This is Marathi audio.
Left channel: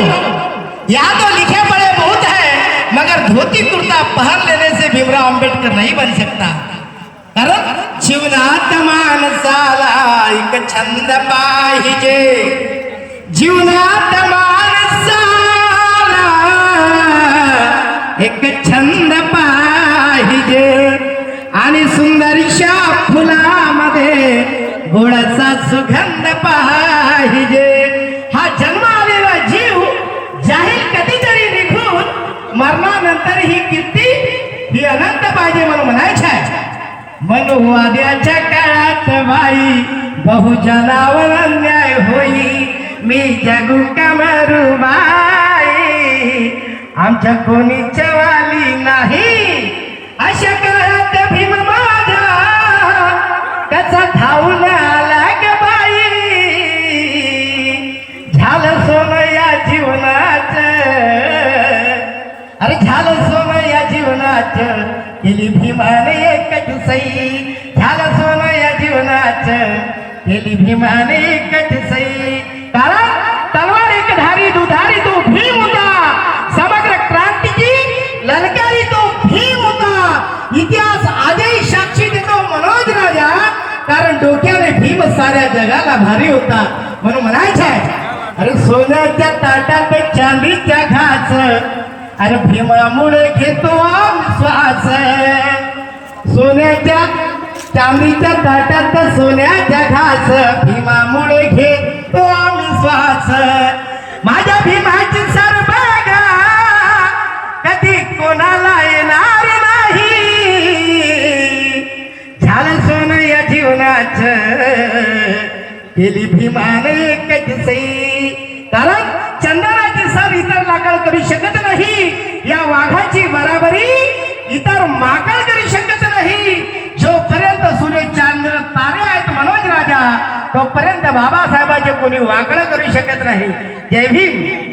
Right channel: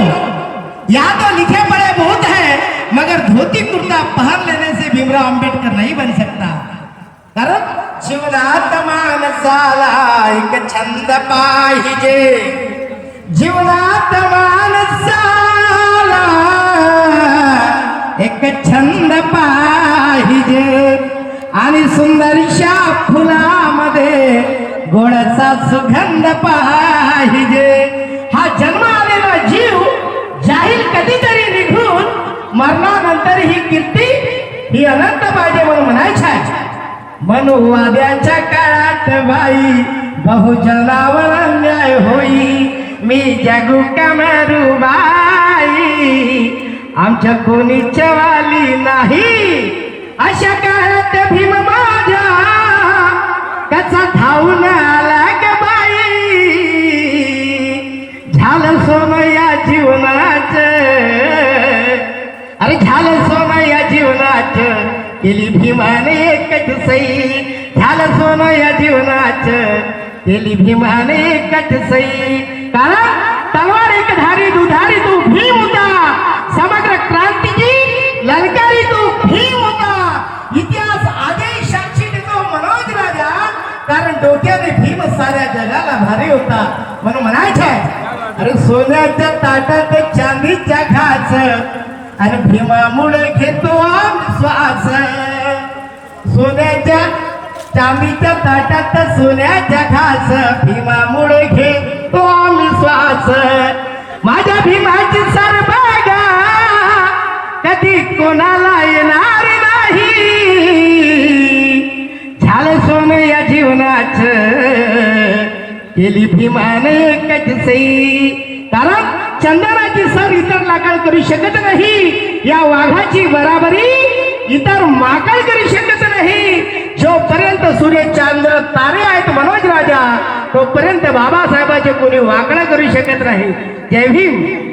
यहाँ तो लिखे पड़े बहुत है, मगर धोती कुर्ता पहन लेने से भीमराव अंबेडकर नहीं बन सकता। कारण जीवनात माणसाला एक छंद पाहिजे, जीवनात माणसाला एक छंद पाहिजे आणि सुंदरशा फुलामध्ये गोडाचा सुगंध पाहिजे। हा जन्म आलेला जीव जाहीर कधीतरी निघून मरणानंतर ही कीर्ती ही अनंत पाहिजे म्हणून म्हणायचं आहे। मनुवाद्याच्या काळात बाई बहुजनावर अन्याय होई, मी जगू का मरू बाई, आमच्या कोणीच्या वाली नाही। अशा काळात भीम माझ्या त्याचा धावून आला ग बाई, झालं सोनं या जीवनाचं, अरे झालं सोनं या जीवनाचं, केली भीमाने एकच सई, झालं सोनं या जीवनाचं, केली भीमाने एकच सई। कारण तलवार एक धारी दुधारी तो भीम होता, समग्र क्रांतीची ललकारी तो भीम होता। इतिहास आजही साक्षी देतो मनोज राजा, कारण डोक्याने भीम साऱ्या जगाला भारी होता म्हणून म्हणायचे। अरे सोन्याच्या ताटात चांदीच्या घास, अरे भीमामुळे घेतो आम्ही श्वास, सोन्याच्या चांदीच्या ताटात सोन्याच्या घास, भीमामुळे घेतो आम्ही श्वास। माझ्या भीमाची सर बघा कधी कोणाला येणार नाही, झालं सोनं या जीवनाचं, केली भीमाने एकच सई। कारण चंदनाची सर इतर लाकड करू शकत नाही, या वाघाची बराबरी इतर माकड करू शकत नाही। जोपर्यंत सूर्य चांद्र तारे आहेत मनोज राजा, तोपर्यंत बाबासाहेबांचे कोणी वाकड करू शकत नाही। जय भीम।